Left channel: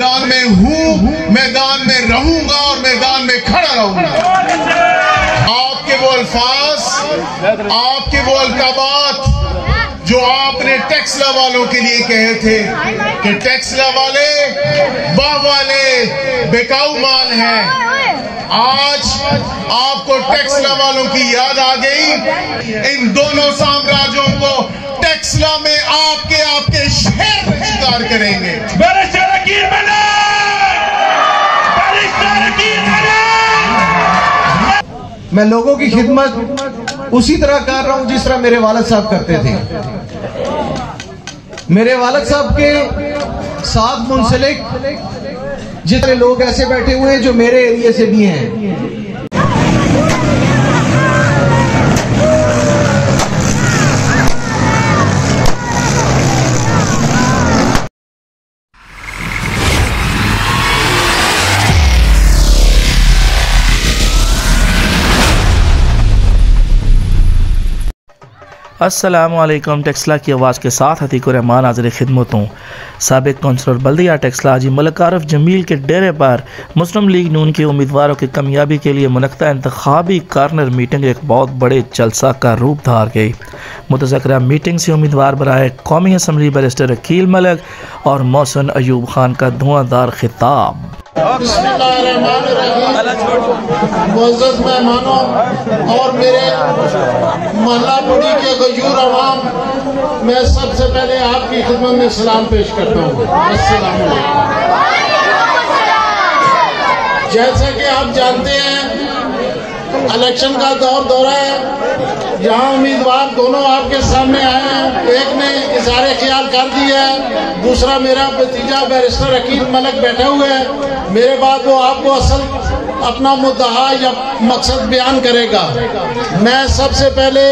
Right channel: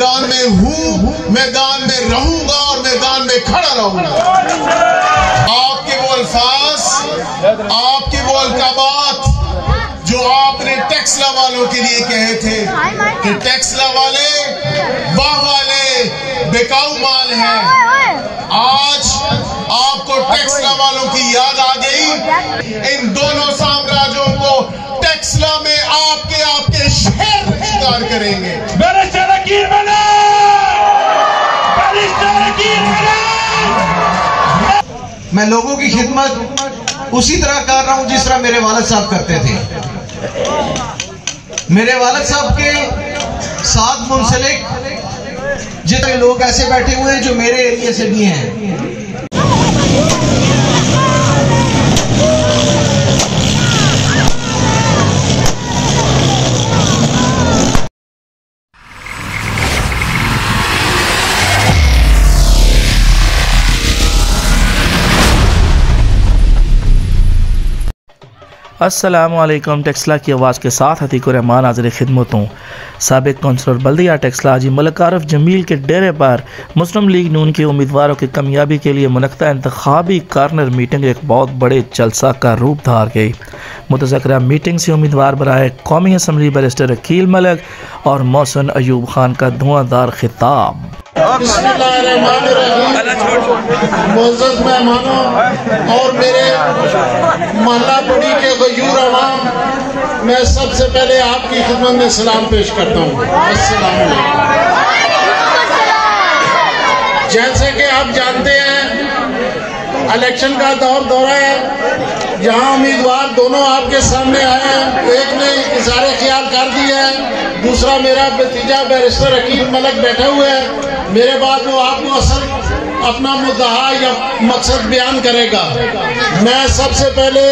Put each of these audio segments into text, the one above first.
मैदान में हूँ, मैदान में रहूंगा और मैदान में खड़ा रहूंगा। आपके वो अल्फाज, आपके वो अलकाबात जो आपने टेक्सला वालों के लिए कहे थे कि टेक्सला वाले वाह वाले बेकाऊ माल हैं, आज आपको टेक्सला वालों की याद आ गई। इन दोनों साम्राज्यों को टेक्सला में आपके शहर शिकार करेंगे। मैं लोगों की खिदमत उसी तरह कर रहा हूं जिस तरह मेरे वालिद साहब करते थे। मेरे वालिद साहब के साथ मुंसलिक जितने लोग ऐसे बैठे हुए हैं जो मेरे एरिया से भी हैं। अस्सलामुअलैकुम। टेक्सला की आवाज़ के साथ अतीकुर रहमान हाज़िर खिदमत हूँ। साबिक कौंसलर बल्दिया टेक्सला हाजी मलिक आरिफ जमील के डेरे पर मुस्लिम लीग नून के उम्मीदवारों की कामयाबी के लिए मुनक़्क़दा इंतखाबी कार्नर मीटिंग एक बहुत बड़े जलसा का रूप धार गई। मुतज़क्किरा मीटिंग से उम्मीदवार बराए कौमी असम्बली बैरिस्टर अकील मलिक और मोहसिन अयूब खान का धुआंधार खिताब। मुअज़्ज़ज़ मेहमानों और मेरे मोहल्ला पड़ी के गयूर अवाम, मैं सबसे पहले आपकी खिदमत में सलाम पेश करता हूँ। अस्सलाम वालेकुम। जैसे कि आप जानते हैं इलेक्शन का दौरा है, यहाँ उम्मीदवार दोनों आपके सामने आए हैं। एक ने इज़हार ख्याल कर दिया है, दूसरा मेरा भतीजा बैरिस्टर अकील मलिक बैठा हुआ है। मेरे बाद वो आपको असल अपना मुद्दा या मकसद बयान करेगा। मैं सबसे पहले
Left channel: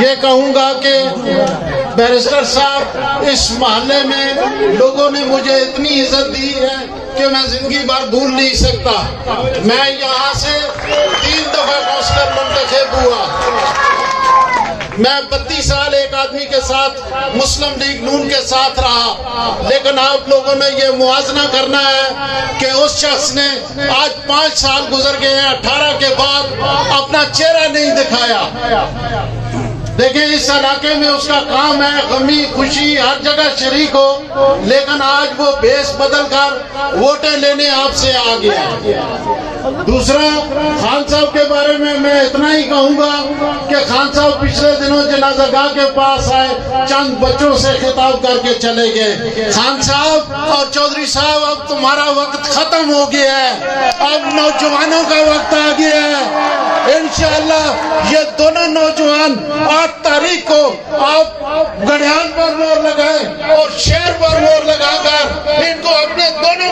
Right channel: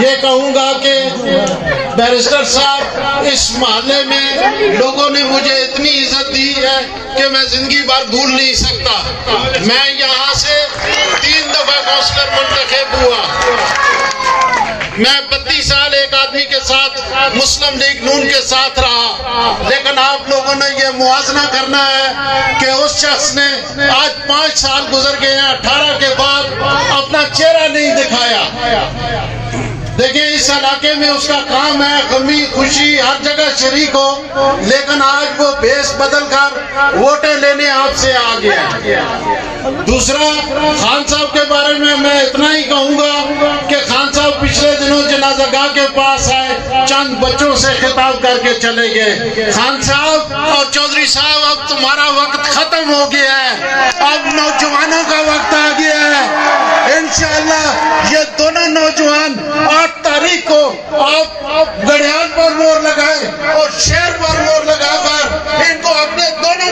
ये कहूँगा कि बैरिस्टर साहब, इस मोहल्ले में लोगों ने मुझे इतनी इज्जत दी है कि मैं जिंदगी भर भूल नहीं सकता। मैं यहाँ से 3 दफा काउंसलर मुंतखब हुआ। मैं 32 साल एक आदमी के साथ मुस्लिम लीग नून के साथ रहा, लेकिन आप लोगों ने ये मुआवजा करना है कि उस शख्स ने आज 5 साल गुजर गए हैं, 18 के बाद अपना चेहरा नहीं दिखाया। देखिए, इस इलाके में उसका काम है गमी खुशी हर जगह शरीक हो, लेकिन आज वो भेष बदल कर वोटें लेने आपसे आ गया। दूसरा, खान साहब के बारे में मैं इतना ही कहूँगा कि खान साहब पिछले दिनों जनाज़ागाह के पास आए, चंद बच्चों से खिताब करके चले गए। खान साहब और चौधरी साहब, अब तुम्हारा वक्त खत्म हो गया है, अब नौजवानों का वक्त आ गया है। इंशाअल्लाह ये दोनों नौजवान 8 तारीख को आप गढ़ियान पर मोहर लगाए और शहर पर मोहर लगाकर इनको अपने दोनों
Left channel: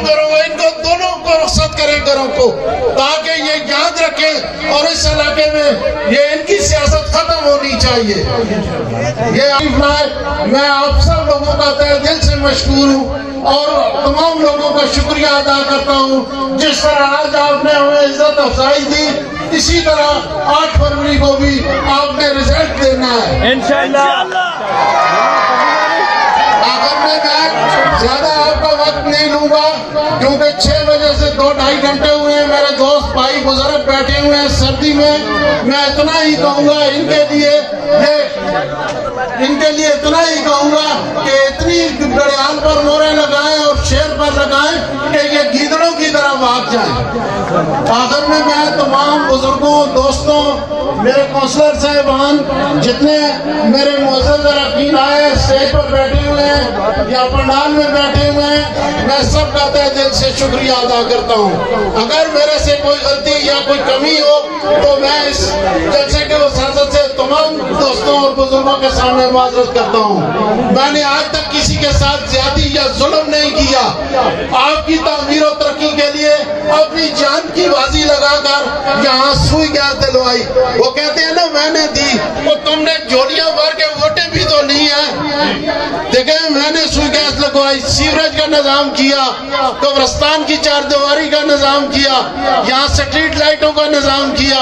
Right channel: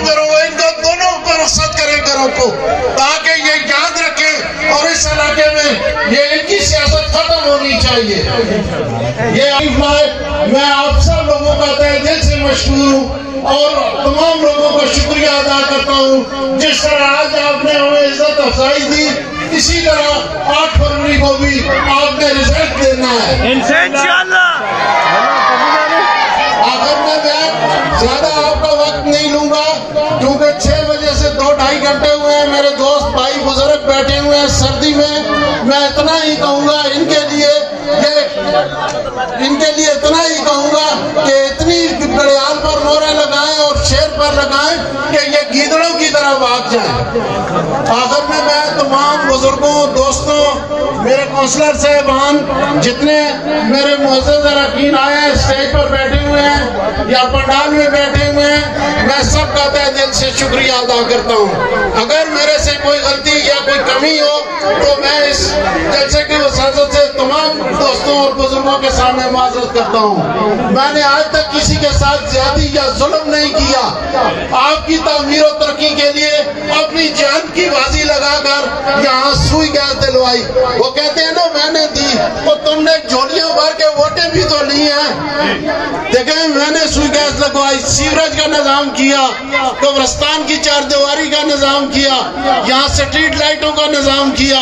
को रुखसत करें घरों को, ताकि ये याद रखें और इस इलाके में ये इनकी सियासत खत्म होनी चाहिए। मैं आप सब लोगों का तहे दिल से मशहूर हूँ और तमाम लोगों का शुक्रिया अदा करता हूँ। जिस तरह आज आपने हमें इज्जत अफजाई दी, इसी तरह 8 फरवरी को भी आपने रिजल्ट देना है इंशाअल्लाह। आखिर में मैं ज्यादा आपका वक्त नहीं लूंगा, क्योंकि 6 बजे से 2-2.5 घंटे हुए हैं। मेरे दोस्त भाई बुजुर्ग बैठे हुए हैं सर्दी में। मैं इतना ही कहूँगा इनके लिए इतना ही कहूँगा कि इतनी गड़ियाल पर मोहरें लगाएं और शेर पर लगाएं कि ये गीदड़ों की तरह भाग जाएं। आखिर में मैं तमाम बुजुर्गों, दोस्तों, मेरे काउंसलर साहबान, जितने मेरे मुअज़्ज़ज़ अरकान आए, स्टेज पर बैठे हुए हैं या पंडाल में बैठे हुए हैं, मैं सबका तहे दिल से शुक्रिया अदा करता हूँ। अगर मेरे से कोई गलती या कोई कमी हो तो मैं इस जलसे के वसाजत से तमाम दोस्तों और बुजुर्गों के सामने माजरत करता हूँ। मैंने आज तक किसी के साथ ज्यादती या जुल्म नहीं किया। आपकी तमीर और तरक्की के लिए अपनी जान की बाजी लगाकर यहाँ सुई गैस दिलवाई। वो कहते हैं ना, मैंने दी, वो तुमने झोलियां भर के वोटें भी तो नहीं है। देखें, मैंने सुई गैस लगवाई, सीवरेज का निजाम किया, कब्रिस्तान की चारदीवारी का निजाम किया, यहाँ स्ट्रीट लाइटों का निजाम किया,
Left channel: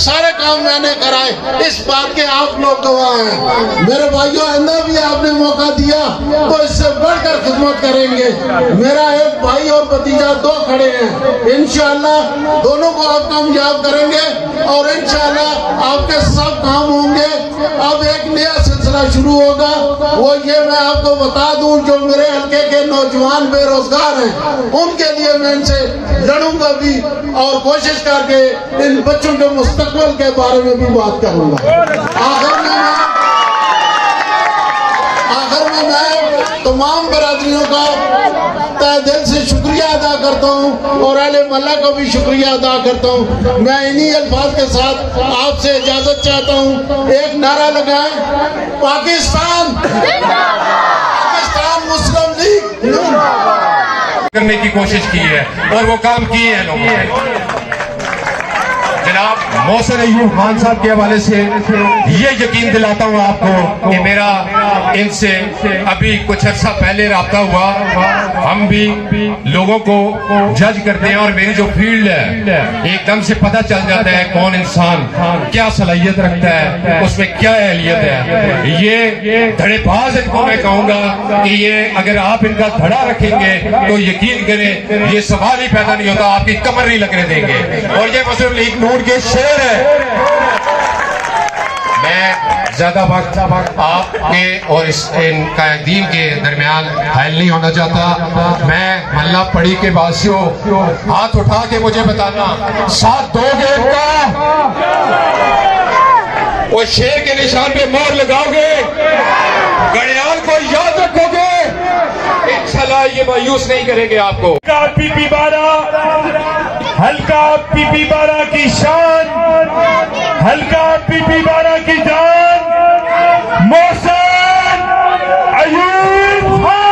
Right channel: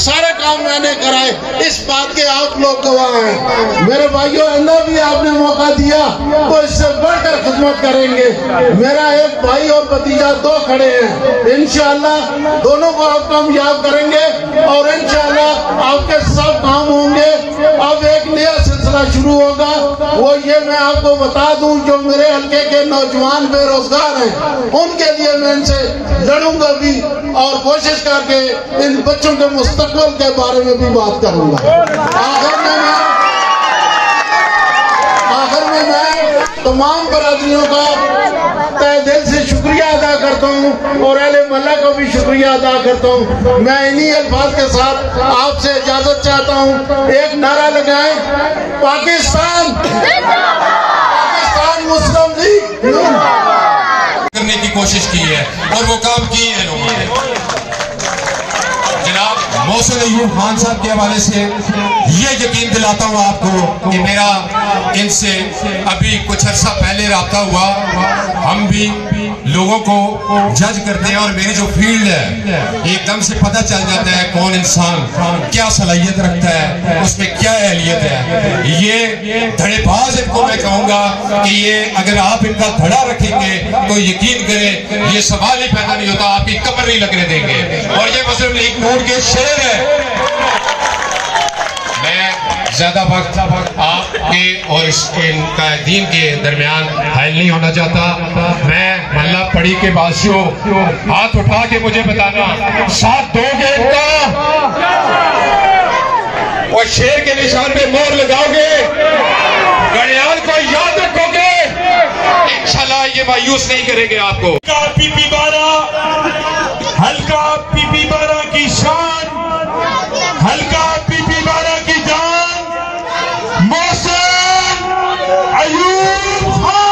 सारे काम मैंने कराए। इस बात के आप लोग गवाह हैं। मेरे भाइयों, आइंदा भी आपने मौका दिया तो इससे बढ़कर खिदमत करेंगे। मेरा एक भाई और भतीजा दो खड़े हैं, इंशाअल्लाह दोनों को आप कामयाब करेंगे और इंशाअल्लाह आपके सब काम होंगे। अब एक नया सिलसिला शुरू होगा, वो ये मैं आपको बता दूं, जो मेरे हल्के के नौजवान बेरोजगार हैं उनके लिए मैं इनसे लड़ूंगा भी और कोशिश करके इन बच्चों के मुस्तकबिल के बारे में भी बात करूंगा। आखिर में मैं तमाम बरादरियों का तहे दिल से शुक्रिया अदा करता हूँ और अहले मोहल्ला का भी शुक्रिया अदा करता हूँ। मैं इन्हीं अल्फाज के साथ आपसे इजाजत चाहता हूँ। एक नारा लगाएं, पाकिस्तान पाकिस्तान मुस्लिम लीग करने की कोशिश की है और वो काम किए हैं लोगों ने। जनाब मोहसिन अयूब खान साहब के हवाले से ये यकीन दिलाता हूँ आपको कि मेरा इनसे अभी कुछ अर्सा पहले रब्ता हुआ। हम भी लोगों को जज करते हैं और मेरी जो फील्ड है एकदम से पता चल जाता है कौन इंसान क्या सलाहियत रखता है, उसमें क्या अहलियत है। ये धड़ेबाज इनको मैं कहूँगा कि ये अगर आप इनका धड़ा रखेंगे तो यकीन करें ये सवाल ही पैदा नहीं होता, आपकी कमर नहीं लगने देंगे। और ये मुस्लिम लीग नून के शेर है। मैं ज्यादा वक्त आपके और इस कायदीन के दरमियान हायल नहीं होना चाहता। मैं मल्ला पड़ी के वासियों हाथ उठा के मुझे बताना, साथ दोगे इनका? और शेर के निशान पे मोहर लगाओगे? घड़ियाल को याद रखोगे? इंशाल्लाह ये मायूस नहीं करेंगे आपको। पीपी 12 हल्का पीपी 12 की शान, हल्का पीपी 12 की जान, मोहसिन अयूब खान।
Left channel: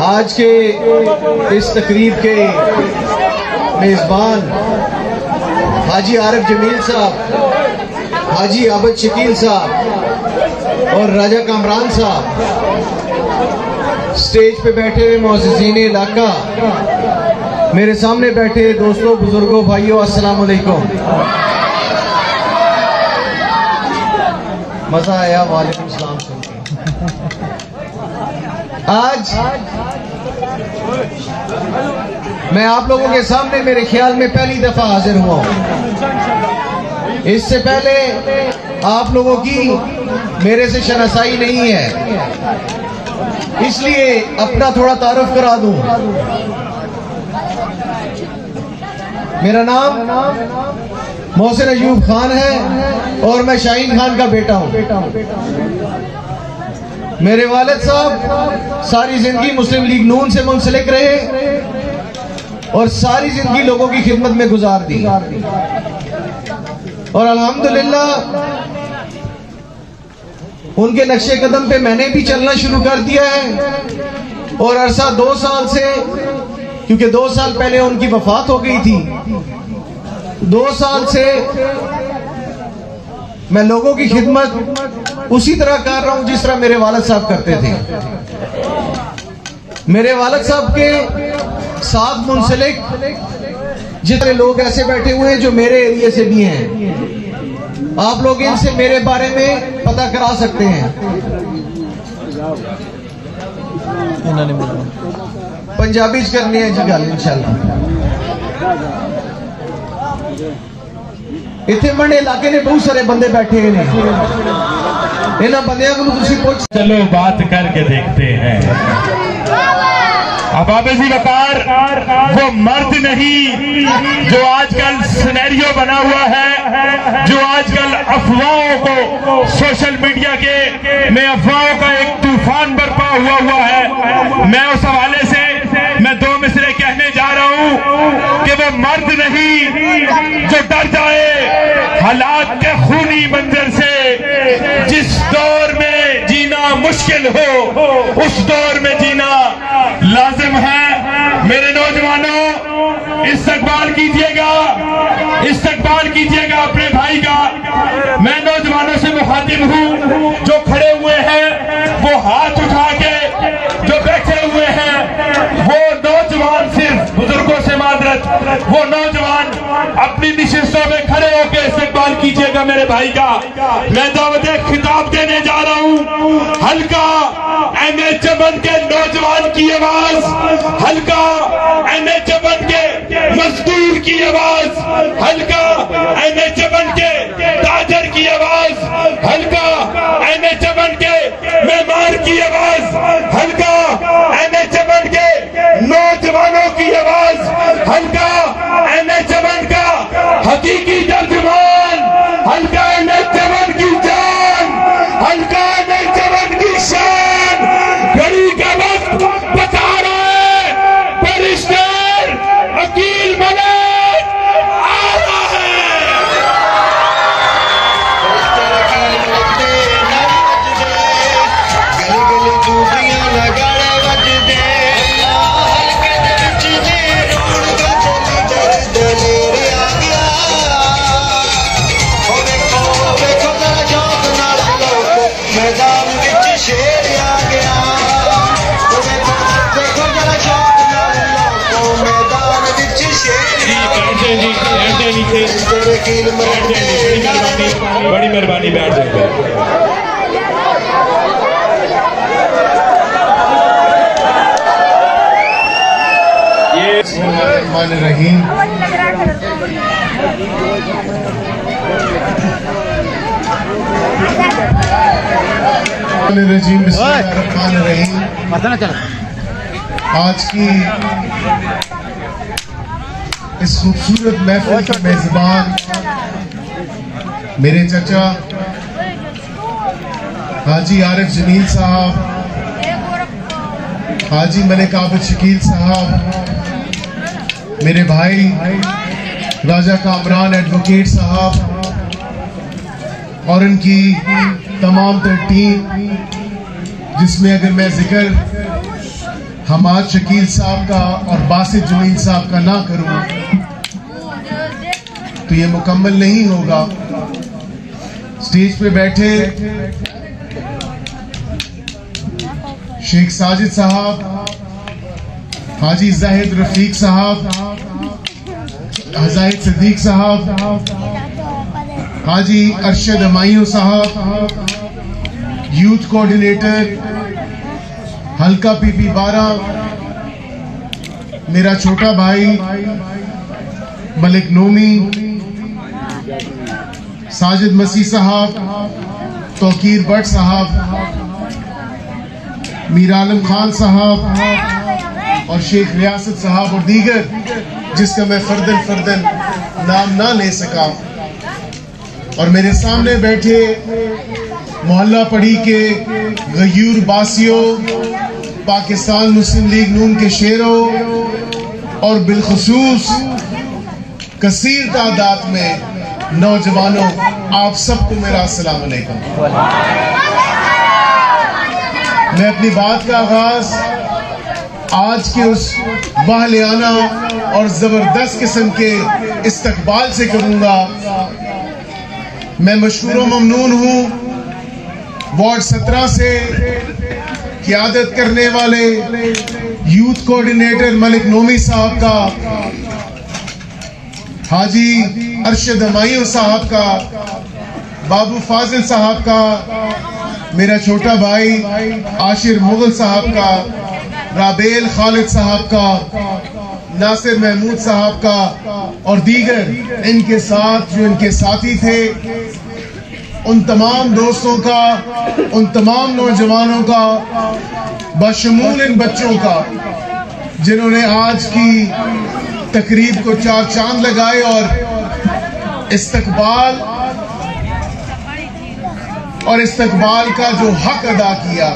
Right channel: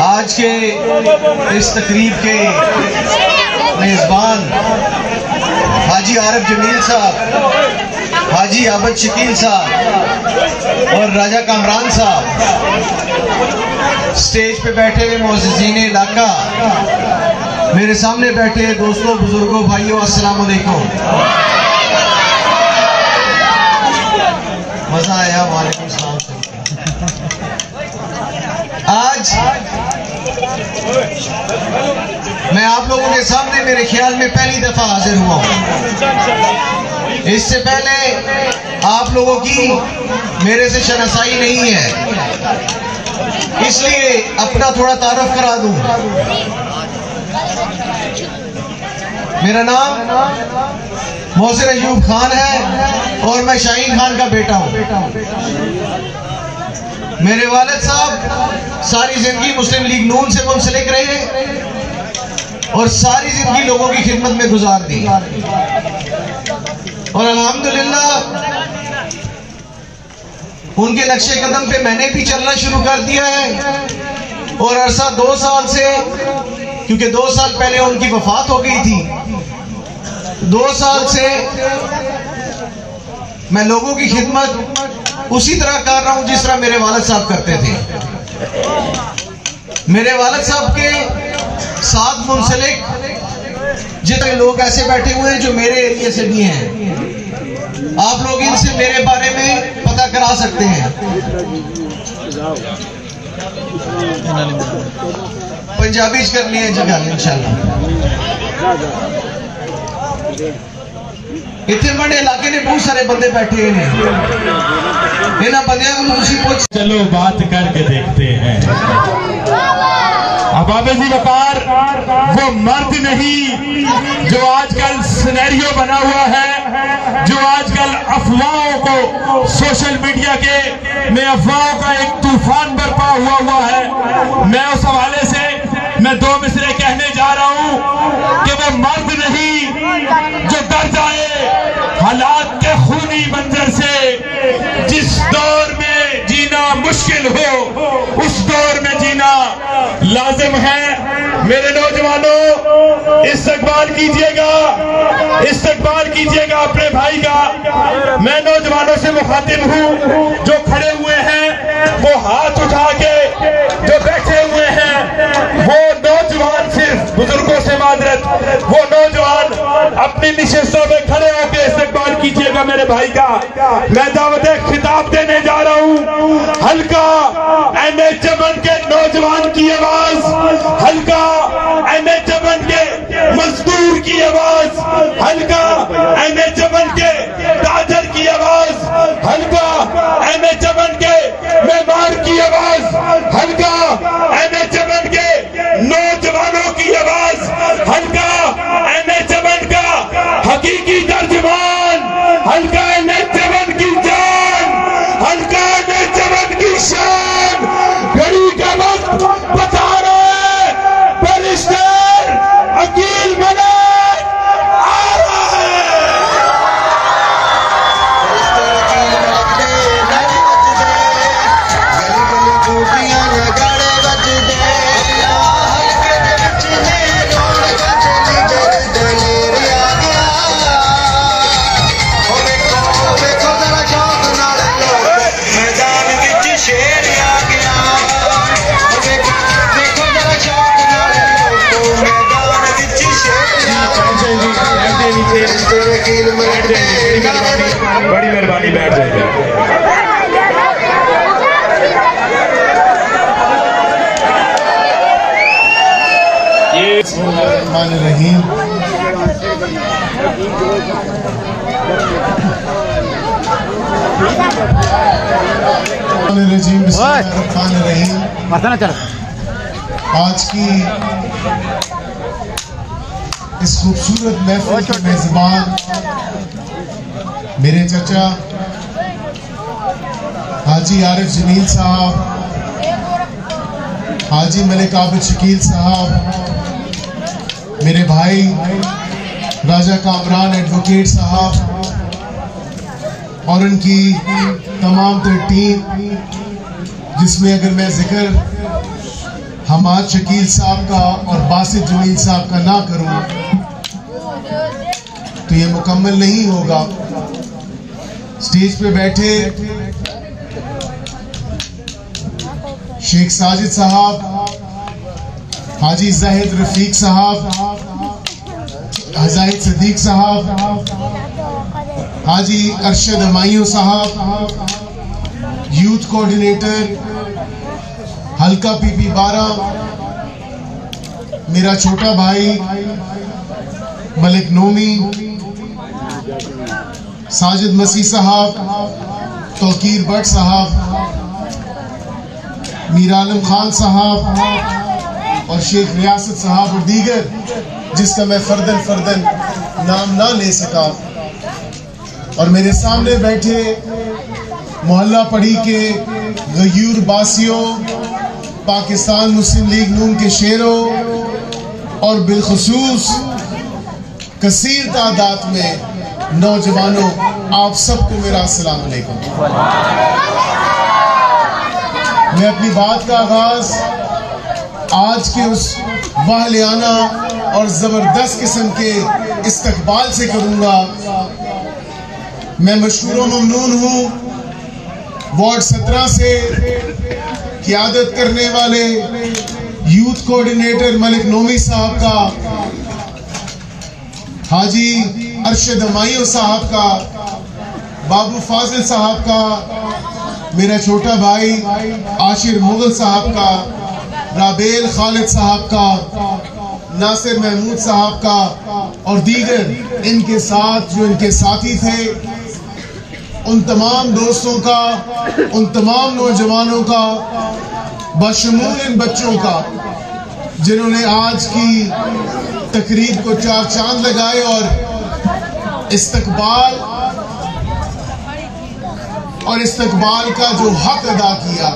आज के इस तकरीब के मेजबान हाजी आरफ जमील साहब, हाजी आबद शकील साहब और राजा कामरान साहब, स्टेज पे बैठे हुए मुअज़्ज़िज़ीन इलाका, मेरे सामने बैठे दोस्तों, बुजुर्गों, भाइयों, अस्सलाम वालेकुम। मजा आया? वालेकुम सलाम। आज मैं आप लोगों के सामने मेरे ख्याल में पहली दफा हाजिर हुआ हूं। इससे पहले आप लोगों की मेरे से शनासाई नहीं है, इसलिए अपना थोड़ा तारुफ करा दूं। मेरा नाम मोहसिन अयूब खान है और मैं शाहीन खान का बेटा हूं। मेरे वालिद साहब सारी जिंदगी मुस्लिम लीग नून से मुंसलिक रहे और सारी जिंदगी लोगों की खिदमत में गुजार दी और अल्हम्दुलिल्लाह उनके नक्शे कदम पे मैंने भी चलना शुरू कर दिया है। और अरसा 2 साल से, क्योंकि 2 साल पहले उनकी वफात हो गई थी, 2 साल से मैं लोगों की खिदमत उसी तरह कर रहा हूं जिस तरह मेरे वालिद साहब करते थे। मेरे वालिद साहब के साथ मुंसलिक जितने लोग ऐसे बैठे हुए हैं जो मेरे एरिया से भी हैं, आप लोग इनसे मेरे बारे में पता करा सकते हैं। पंजाबी करनी है जी गल इंशाल्लाह। इतने बड़े इलाके ने बहुत सारे बंदे बैठे हुए हैं, इन्होंने बंदियों को पूछ। चलो बात करके देखते हैं। अब आबेजी वकार वो मर्द नहीं जो आजकल सिनेरियो बना हुआ है, जो आजकल अफवाहों को सोशल मीडिया के में अफवाहों का एक तूफान बरपा हुआ है। मैं उस हवाले से मैं दो मिसरे कहने जा रहा हूं कि वो मर्द नहीं जो डर जाए हालात के खूनी मंजर से। जिस दौर में जीना मुश्किल हो उस दौर में जीना लाजिम है। मेरे नौजवानों, इस्तकबाल कीजिएगा अपने भाई का। मैं नौजवानों से मुखातिब हूं, जो खड़े हुए हैं वो हाथ उठा के, जो बैठे हुए हैं वो नौजवान, सिर्फ बुजुर्गों से मादरत, वो नौजवान अपनी निशस्तों में खड़े होकर इस्तकबाल कीजिएगा मेरे भाई का। मैं दावत खिताब देने जा रहा हूं। हल्का एमए चमन के नौजवान की आवाज, हल्का एमए चमन के मजदूर की आवाज, हल्का एमए चमन के ताजर की आवाज, हल्का एमए चमन के मेहमान की आवाज, हल्का एमए चमन के नौजवानों की आवाज, हल्का एमए चमन का हकीकी तर्जुमान, हल्का एमए चमन की जान, हल्का एमए चमन की शान। घड़ी का वक्त बता रहे बैरिस्टर अकील मलिक आ रहा है। बड़ी मेहरबानी, बैठ जाएगा। ये रहीम आज की इस खूबसूरत महफिल के मेजबान मेरे चचा हाजी आरिफ जमील साहब, हाजी मलिक आबिद शकील साहब, मेरे भाई राजा कामरान एडवोकेट साहब और उनकी तमाम तर टीम, जिसमें अगर मैं जिक्र हमाद शकील साहब का और बासित जमील साहब का ना करूं तो ये मुकम्मल नहीं होगा। स्टेज पे बैठे शेख साजिद साहब, हाजी जाहिद रफीक साहब, जाहिद सिद्दीक साहब, हाजी अरशद हमायूं साहब, यूथ कोऑर्डिनेटर हल्का पीपी 12, मेरा छोटा भाई मलिक नोमी, साजिद मसीह साहब, तौकीर भट्ट साहब, मीर आलम खान साहब और शेख रियासत साहब और दीगर जिसका मैं फर्दन नाम ना ले सका, और मेरे सामने बैठे मोहल्ला पड़ी के गयूर बासियों, पाकिस्तान मुस्लिम लीग नून के शेरों और बिलखुसूस कसीर तादाद में नौजवानों, आप सबको मेरा अस्सलाम वालेकुम। मैं अपनी बात का आगाज आज के उस वाहलियाना और जबरदस्त किस्म के इस्तकबाल से करूंगा। मैं मशकूर व ममनून हूं वार्ड 17 से क़यादत करने वाले यूथ कोऑर्डिनेटर मलिक नोमी साहब का, हाजी अरशद हमायूं साहब का, बाबू फाजिल साहब का, मेरा छोटा भाई आशिर मुगल साहब का, राबेल खालिद साहब का, नासिर महमूद साहब का और दीगर इनके साथ जो इनके साथी थे, उन तमाम दोस्तों का, उन तमाम नौजवानों का, बशमूल इन बच्चों का जिन्होंने आज की तकरीब को चार चांद लगाए और इस्तकबाल का जो हक अदा किया,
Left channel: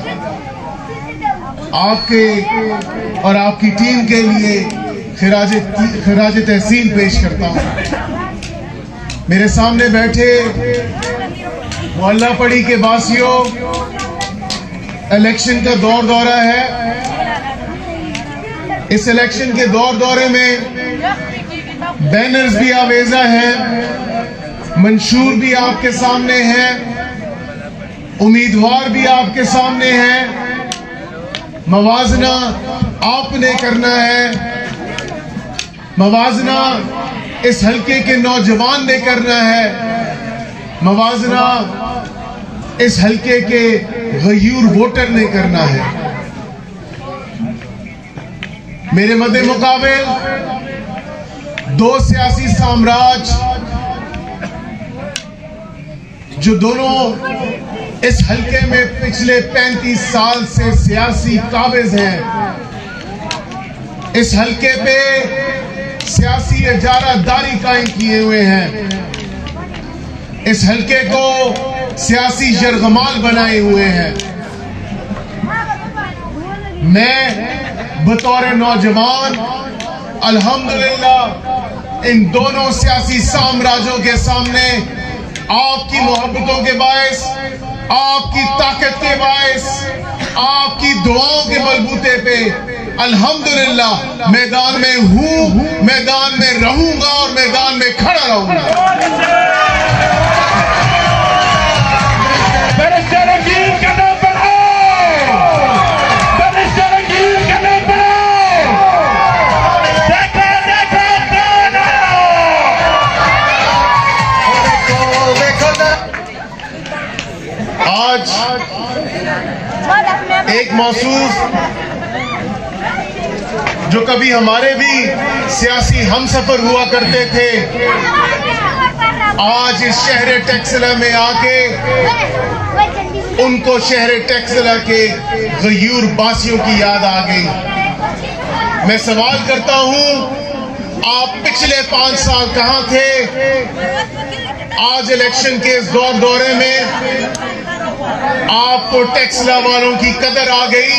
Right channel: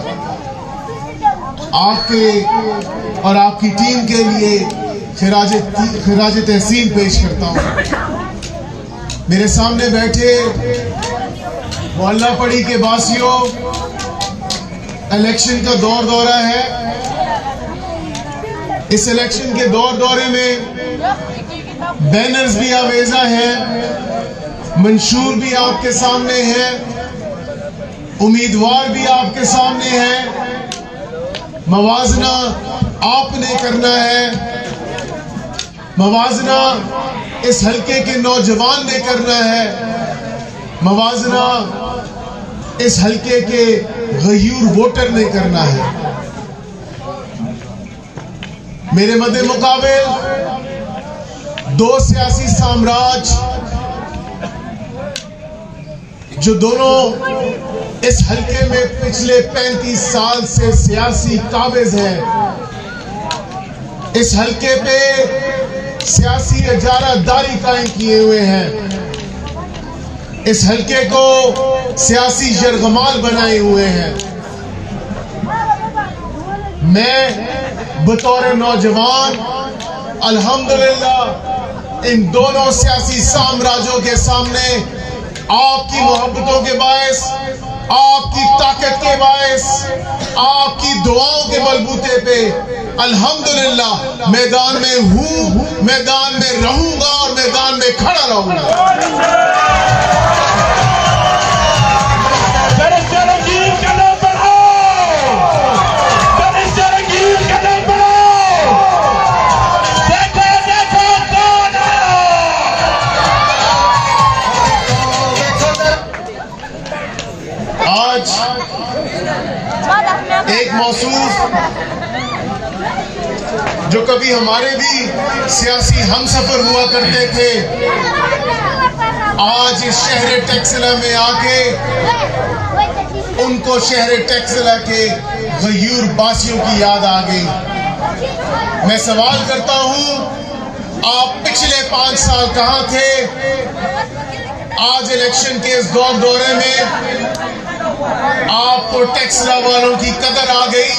आपके और आपकी टीम के लिए खिराज तहसीन पेश करता हूं। मेरे सामने बैठे मोहल्ला पड़ी के वासियों, इलेक्शन का दौर दौरा है। इस इलेक्शन के दौर दौरे में बैनर्स भी आवेजा हैं, मंशूर भी आपके सामने है, उम्मीदवार भी आपके सामने है। मवाजना आपने करना है, मवाजना इस हल्के के नौजवान ने करना है, मवाजना इस हल्के के गयूर वोटर ने करना है। मेरे मद्दे मुकाबिल दो सियासी साम्राज्य जो दोनों इस हल्के में पिछले 35 साल से सियासी काबिज हैं, इस हल्के पे सियासी इजारादारी कायम किए हुए हैं, इस हल्के को सियासी जरगमाल बनाए हुए हैं। मैं बतौर नौजवान अल्हम्दुलिल्लाह इन दोनों सियासी साम्राज्यों के सामने आपकी मोहब्बतों के बायस, आपकी ताकत के बायस, आपकी दुआओं के बलबूते पे अल्हम्दुलिल्लाह मैदान में हूं, मैदान में रहूंगा और मैदान में खड़ा रहूंगा। आज एक महसूस जो कभी हमारे भी सियासी हमसफर हुआ करते थे, आज इस शहर टेक्सला में आके उनको शहर टेक्सला के गयूर बासियों की याद आ गई। मैं सवाल करता हूं, आप पिछले 5 साल कहां थे? आज इलेक्शन के इस दौरे में आपको टेक्सला वालों की कदर आ गई।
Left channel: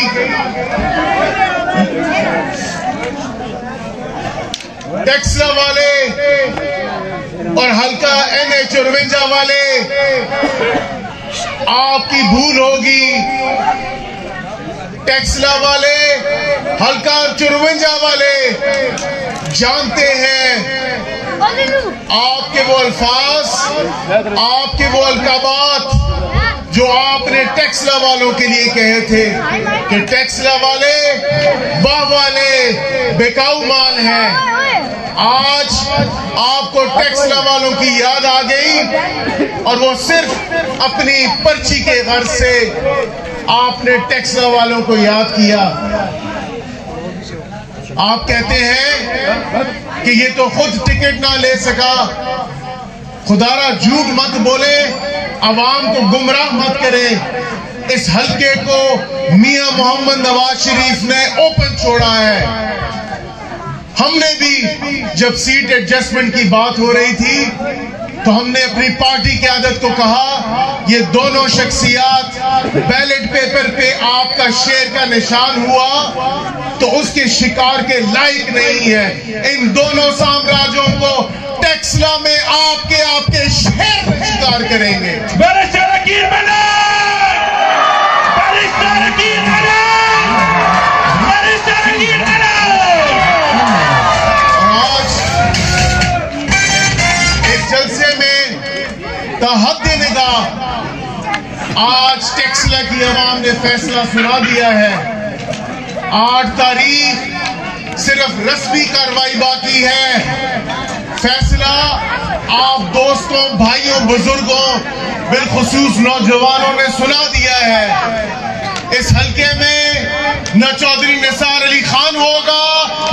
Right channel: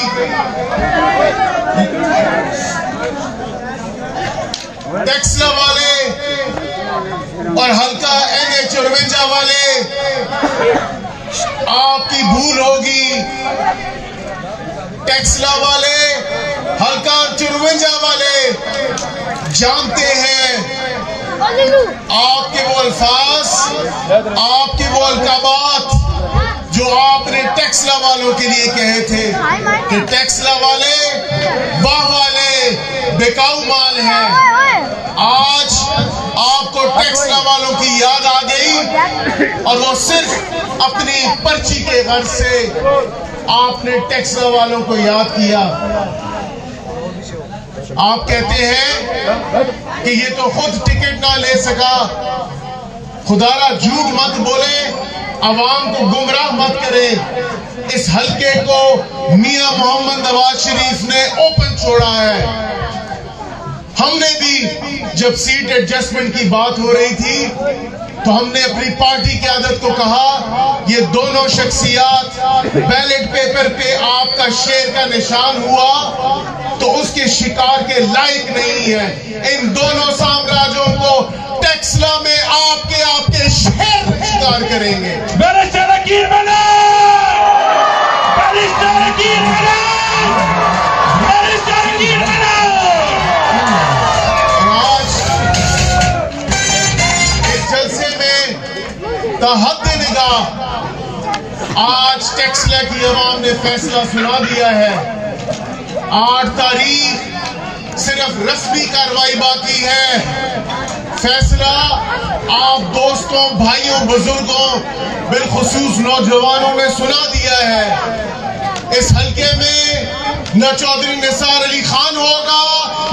टेक्सला वाले और हल्का NH-54 वाले आपकी भूल होगी। टेक्सला वाले, हल्का 54 वाले जानते हैं आपके वो अल्फाज, आपके वो अलकाबात जो आपने टेक्सला वालों के लिए कहे थे कि टेक्सला वाले वाह वाले बेकाऊ माल हैं। आज आपको टेक्सला वालों की याद आ गई और वो सिर्फ अपनी पर्ची के गर्ज से आपने टेक्सला वालों को याद किया। आप कहते हैं कि ये तो खुद टिकट ना ले सका। खुदारा झूठ मत बोले, अवाम को गुमराह मत करे। इस हल्के को मियां मोहम्मद नवाज शरीफ ने ओपन छोड़ा है। हमने भी जब सीट एडजस्टमेंट की बात हो रही थी तो हमने अपनी पार्टी की आदत को कहा, ये दोनों शख्सियात बैलेट पेपर पे आपका शेर का निशान हुआ तो उसके शिकार के लायक नहीं है। इन दोनों साम्राज्यों को टेक्सला में आपके शेर शिकार करेंगे। आज टेक्सला की आवाम ने फैसला सुना दिया है। 8 तारीख सिर्फ रस्मी कार्रवाई बाकी है। फैसला आप दोस्तों, भाइयों, बुजुर्गों, बिलखुसूस नौजवानों ने सुना दिया है। इस हल्के में न चौधरी निसार अली खान होगा,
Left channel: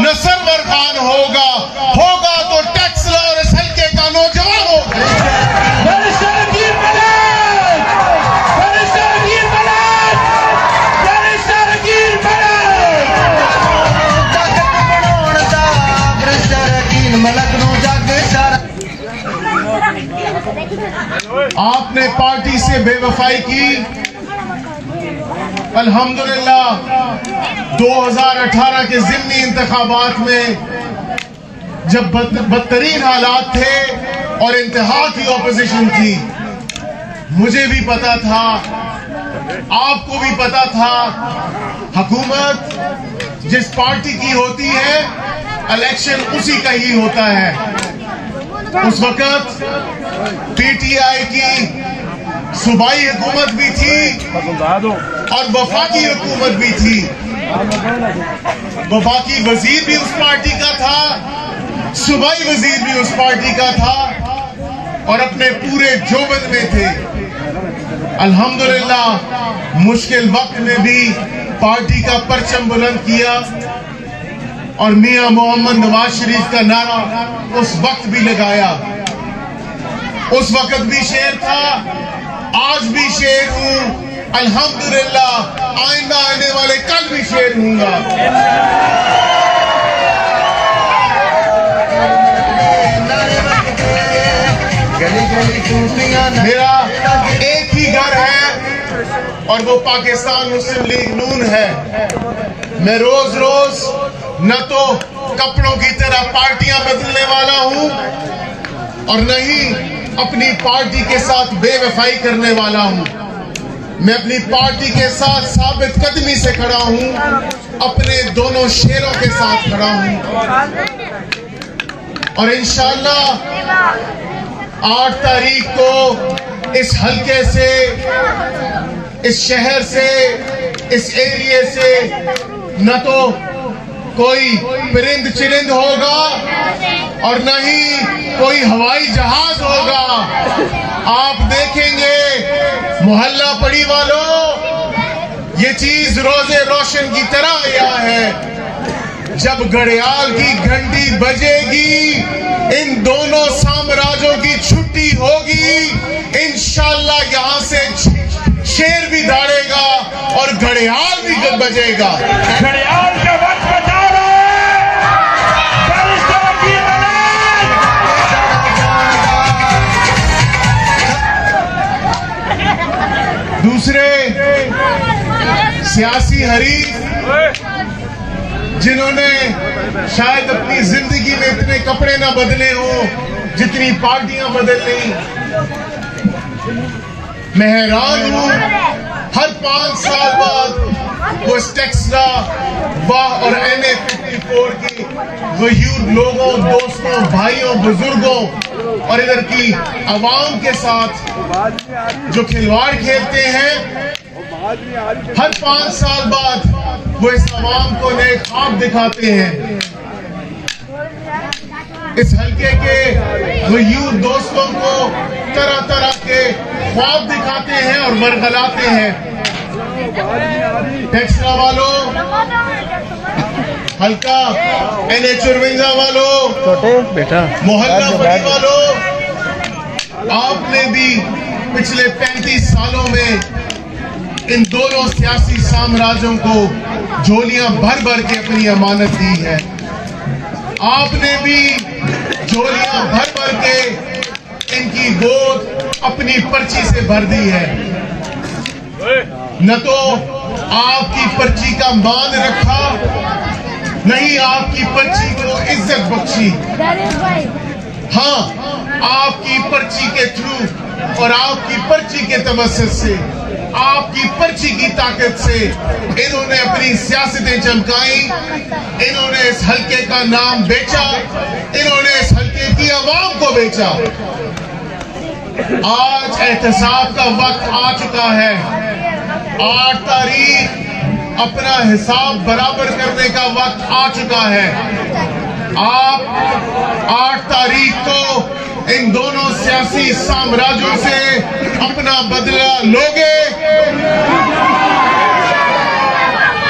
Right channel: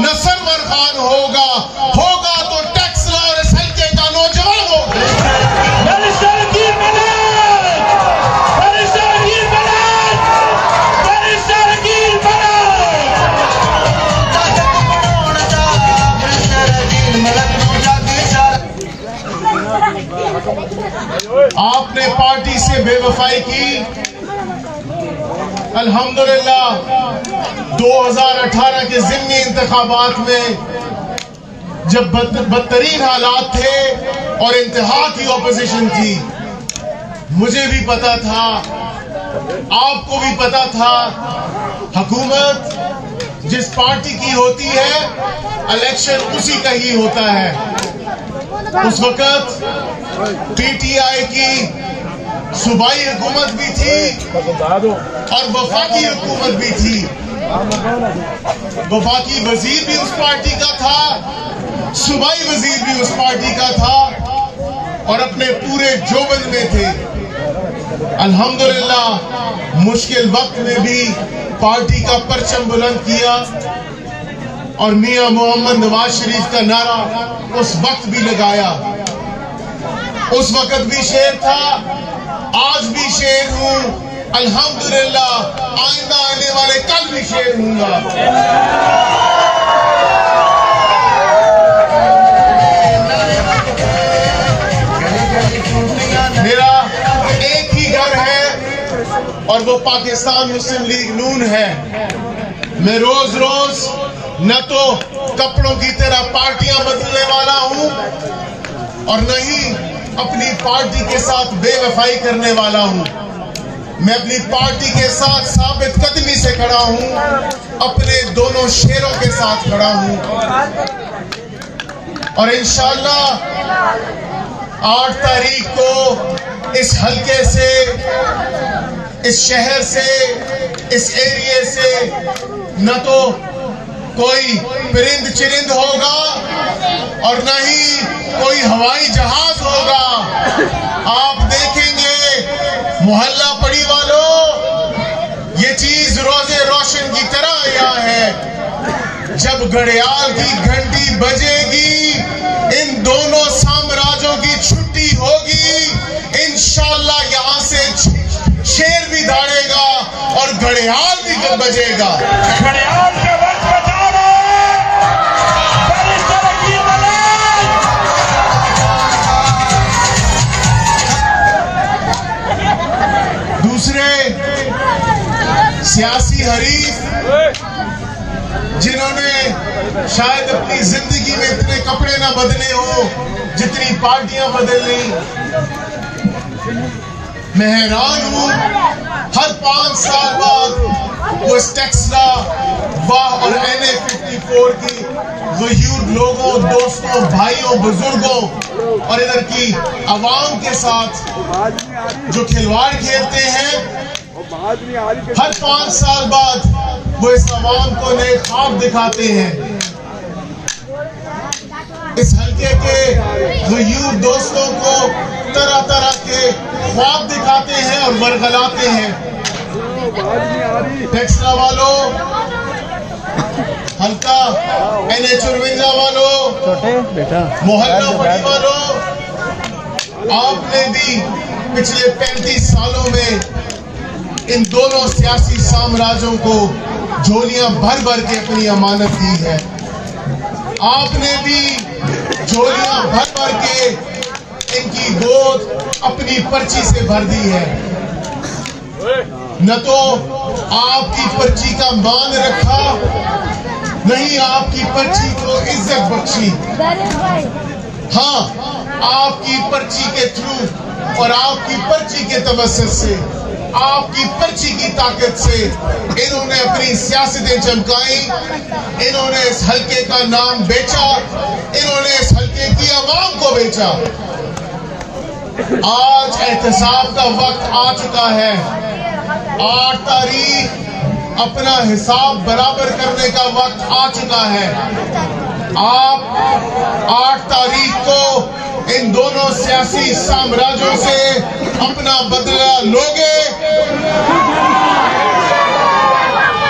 न सरवर खान होगा तो टेक्सला और इस हल्के का नौजवान होगा। आपने पार्टी से बेवफाई की। अल्हम्दुलिल्लाह 2018 के ज़िमनी इंतखाबात में जब बदतरीन हालात थे और इंतहा की ओपोजिशन थी, मुझे भी पता था, आपको भी पता था, हुकूमत जिस पार्टी की होती है इलेक्शन उसी का ही होता है। उस वक्त पीटीआई की सूबाई हुकूमत भी थी और वफाकी हुकूमत भी थी। वफाकी वजीर भी उस पार्टी का था, सूबाई वजीर भी उस पार्टी का था और अपने पूरे जोबन में थे। अल्हम्दुलिल्लाह मुश्किल वक्त में भी पार्टी का परचम बुलंद किया और मियां मोहम्मद नवाज शरीफ का नारा उस वक्त भी लगाया। उस वक्त भी शेर था, आज भी शेर हूं, अल्हम्दुलिल्लाह आइंदा आने वाले कल भी शेर हूंगा। मेरा एक ही घर है और वो पाकिस्तान मुस्लिम लीग नून है। मैं रोज रोज न तो कपड़ों की तरह पार्टियां बदलने वाला हूं और न ही अपनी पार्टी के साथ बेवफाई करने वाला हूं। मैं अपनी पार्टी के साथ साबित कदमी से खड़ा हूं, अपने दोनों शेरों के साथ खड़ा हूं और इंशाअल्लाह 8 तारीख को इस हल्के से, इस शहर से, इस एरिया से न तो कोई परिंद चिरिंद होगा और न ही कोई हवाई जहाज होगा। आप देखेंगे मोहल्ला पड़ी वालों, ये चीज रोजे रोशन की तरह आया है। जब घड़ियाल की घंटी बजेगी, इन दोनों साम्राज्यों की छुट्टी होगी। इंशाअल्लाह यहां से शेर भी दौड़ेगा और घड़ियाल भी जब बजेगा। घड़ियाल का वक्त बचा रहा है। दूसरे सियासी हरीफ जिन्होंने शायद अपनी जिंदगी में इतने कपड़े ना बदले हो जितनी पार्टियां बदल ली, मैं हैरान हूं। हर 5 साल बाद वो टेक्सला वाह और NA-54 की गयूर लोगों, दोस्तों, भाइयों, बुजुर्गों और इधर की आवाम के साथ जो खिलवाड़ खेलते हैं, हर 5 साल बाद वो इस आवाम को नए ख्वाब दिखाते हैं। इस हल्के के गयूर दोस्तों को तरह तरह के ख्वाब दिखाते हैं और वरगलाते हैं। टेक्सला वालों, हल्का NA-54 वालों, मोहल्ला पड़ी वालों, आपने भी पिछले 35 सालों में इन दोनों सियासी साम्राज्यों को झोलियां भर भर के अपनी अमानत दी है। आपने भी झोलियां भर भर के इनकी गोद अपनी पर्ची से भर दी है। न तो आपकी पर्ची का मान रखा, नहीं आपकी पर्ची को इज्जत बख्शी। हाँ, आपकी पर्ची के थ्रू और आपकी पर्ची के तवज्जुह से, आपकी पर्ची की ताकत से इन्होंने अपनी सियासतें चमकाई। इन्होंने इस हल्के का नाम बेचा, इन्होंने इस हल्के की आवाम को बेचा। आज एहतसाब का वक्त आ चुका है। 8 तारीख अपना हिसाब बराबर करने का वक्त आ चुका है। आप 8 तारीख को इन दोनों सियासी साम्राज्यों से अपना बदला लोगे?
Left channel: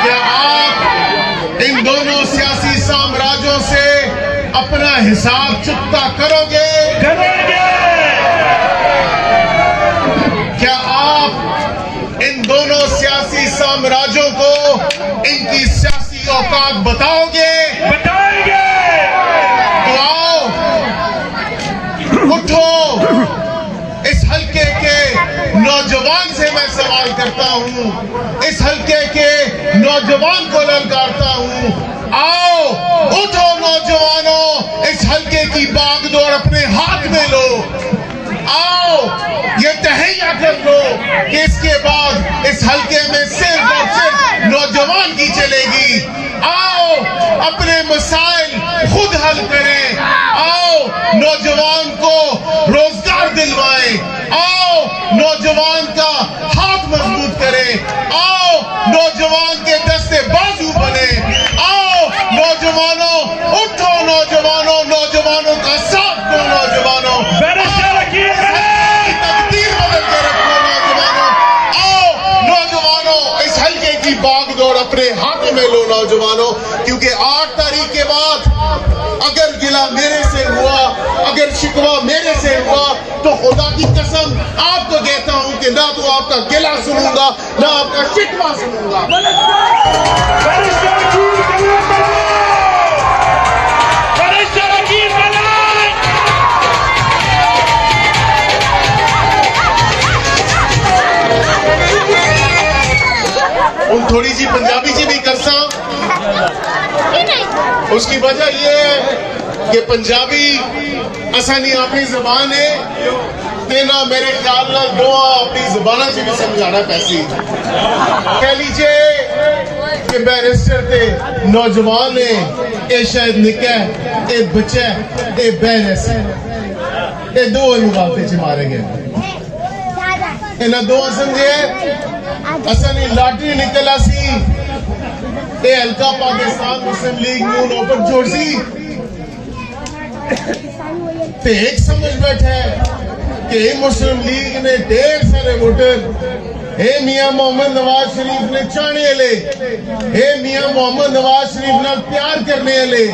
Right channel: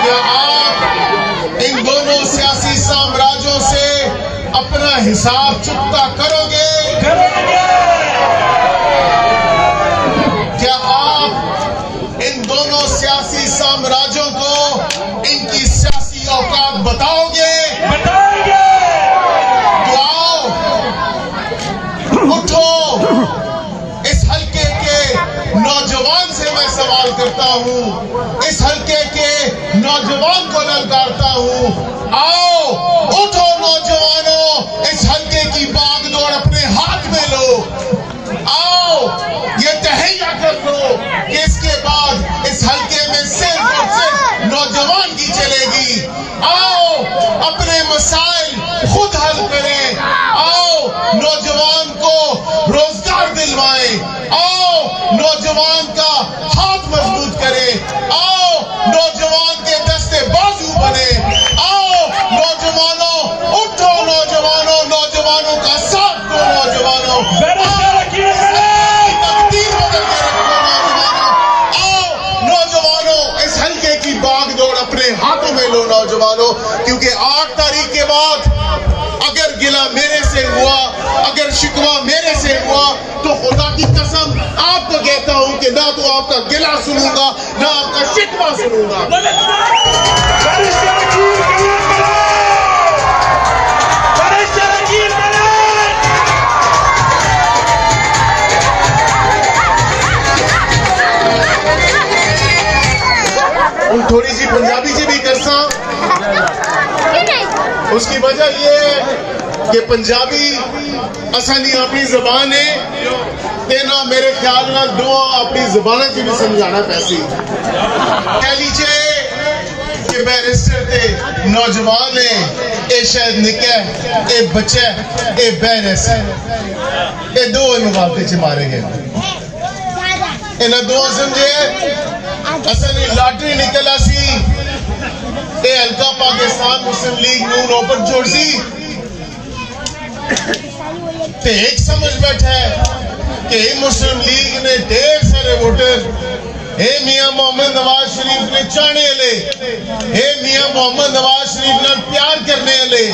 क्या आप इन दोनों सियासी साम्राज्यों से अपना हिसाब चुकता करोगे? क्या आप इन दोनों सियासी साम्राज्यों को इनकी सियासी औकात बताओगे? तो आओ, उठो। इस हल्के के नौजवान से मैं सवाल करता हूं, इस हल्के के नौजवान को ललकारता हूं, आओ उठो नौजवानों, इस हल्के की बागडोर अपने हाथ में लो। आओ ये तहैया कर लो कि इसके बाद इस हल्के में सिर्फ और सिर्फ नौजवान की चलेगी। आओ अपने मसाइल खुद हल करें। आओ नौजवान को रोजगार दिलवाएं। आओ नौजवान का हाथ मजबूत करें। आओ नौजवान के दस्ते बाजू बने। आओ नौजवानों उठो, नौजवानों, नौजवानों का साथ दो, नौजवानों तकदीर बदल के रखो, नौजवानों। आओ नौजवानों, इस हल्के की बागडोर अपने हाथों में लो, नौजवानों, क्योंकि 8 तारीख के बाद अगर गिला मेरे से हुआ, अगर शिकवा मेरे से हुआ, तो खुदा की कसम आपको कहता हूं कि ना तो आपका गिला सुनूंगा, ना आपका शिकवा सुनूंगा। उन थोड़ी जी पंजाबी जी भी करसा, उसकी वजह यह है कि पंजाबी असानी अपनी जबान है, तेना मेरे ख्याल ना दुआ अपनी जबाना से भी समझाना पैसी। कह लीजिए कि बैरिस्टर के नौजवान ने ए शायद निका ए बच्चा ए बहन ऐसे ये दो मुकाबले च मारे गए। इन्हें दो समझे असली लॉटरी निकला सी, ये हल्का पाकिस्तान मुस्लिम लीग नून ओपन छोड़ सी, ते एक समझ बैठा है कि मुस्लिम लीग ने ढेर सारे वोटर, हे मियां मोहम्मद नवाज शरीफ ने चाहने ले, हे मियां मोहम्मद नवाज शरीफ ने प्यार करने ले,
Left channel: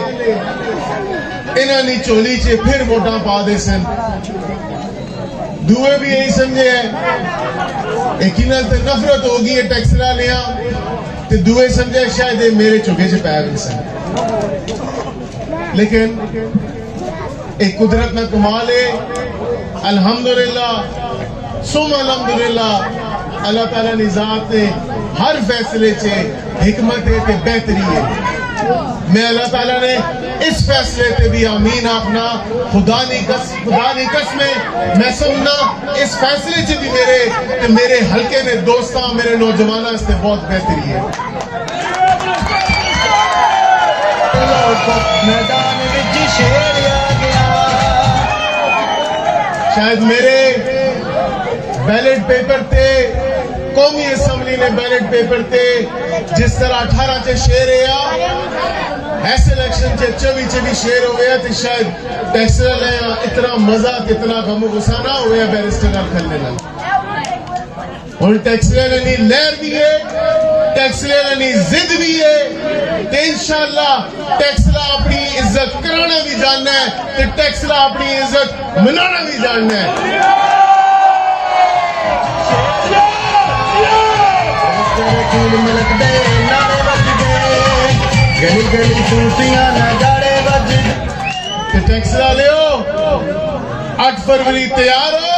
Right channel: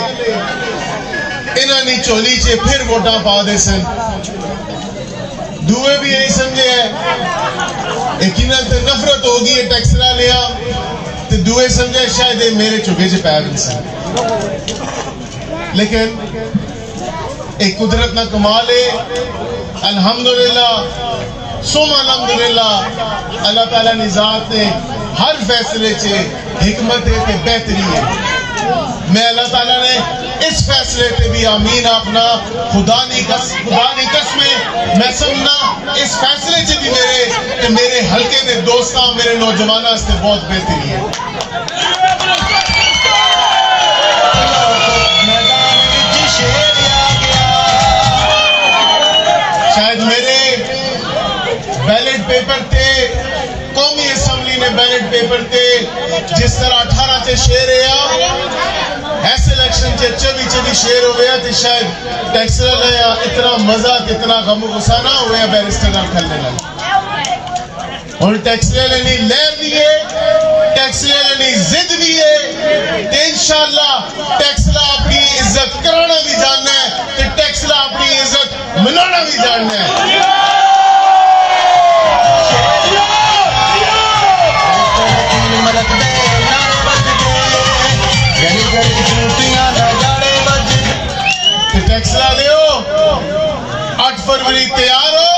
इन्होंने चोली चे फिर वोटा पा दे सन। दूए भी यही समझे है, एक नफरत होगी ये टैक्सरा लिया, तो दूए समझे शायद ये मेरे चुके च पै गए सन। लेकिन एक कुदरत ना कमाल है, अल्हम्दुलिल्लाह सुम अल्हम्दुलिल्लाह, अल्लाह ताला ने जात ने हर फैसले चे हिकमत है ते बेहतरी है। मैं अल्लाह ताला ने इस फैसले पे भी आमीन अपना खुदा नी कसमें मैं सुनना इस फैसले च भी मेरे हल्के ने दोस्ता मेरे नौजवाना से बहुत बेहतरी है। शायद मेरे बैलेट पेपर थे, कौमी असम्बली ने बैलेट पेपर थे, जिस तरह 18 च शेर ऐसे इलेक्शन च 24 शेर हो गया, तो शायद टैक्सर इतना मजा कितना गम गुस्सा ना हुआ बैरिस्टर खलने लगा। और टैक्सर ने लहर भी है, टैक्सर ने जिद भी है, तो इंशाअल्लाह टैक्सर अपनी इज्जत कराना भी जानना है, तो टैक्सर अपनी इज्जत मनाना भी जानना है। टैक्स वाले हो 8 फरवरी तैयार हो?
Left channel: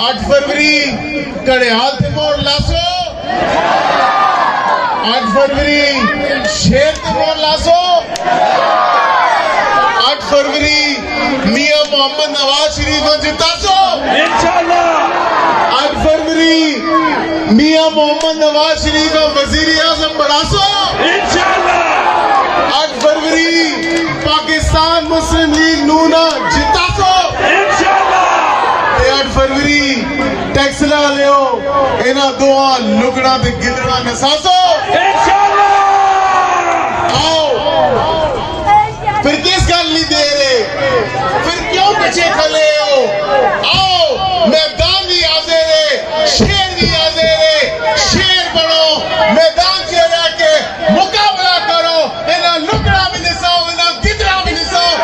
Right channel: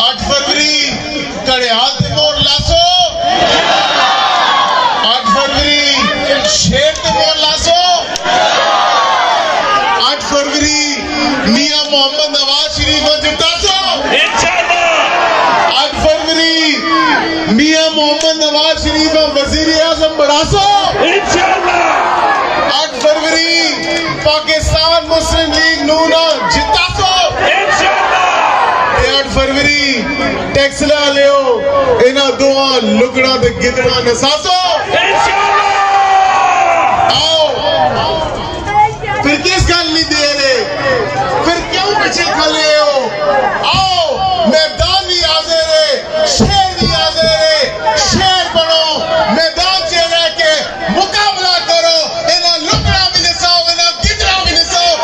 8 फरवरी कड़ियाल ते मोड़ लासो, 8 फरवरी शेर ते मोड़ लासो, 8 फरवरी मियां मोहम्मद नवाज शरीफ जितासो इंशाअल्लाह। 8 फरवरी मियां मोहम्मद नवाज शरीफ का वजीर आजम बढ़ासो इंशाअल्लाह। 8 फरवरी पाकिस्तान मुस्लिम लीग नून जितासो 8 फरवरी टेक्सला लियो इन्हां दोआं लुगड़ा ते गिदड़ा निसासो। आओ फिर किस गल नहीं दे रहे, फिर क्यों पीछे खले हो? आओ मैदान भी हाजिर है, शेर भी हाजिर है, शेर बनो, मैदान से जाके मुकाबला करो, इन्हें लुकड़ा भी निसाओ, इन्हें गिदड़ा भी निसाओ।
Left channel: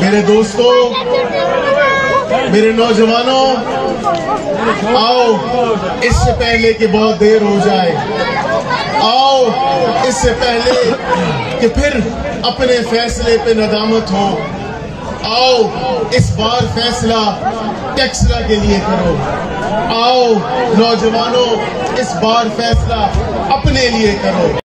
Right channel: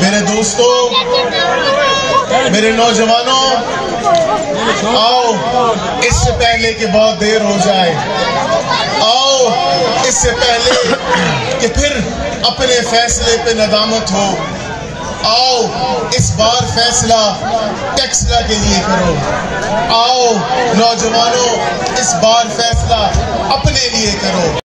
मेरे दोस्तों, मेरे नौजवानों, आओ इससे पहले कि बहुत देर हो जाए, आओ इससे पहले कि फिर अपने फैसले पे नदामत हो, आओ इस बार फैसला टेक्सला के लिए करो। आओ नौजवानों, इस बार फैसला अपने लिए करो।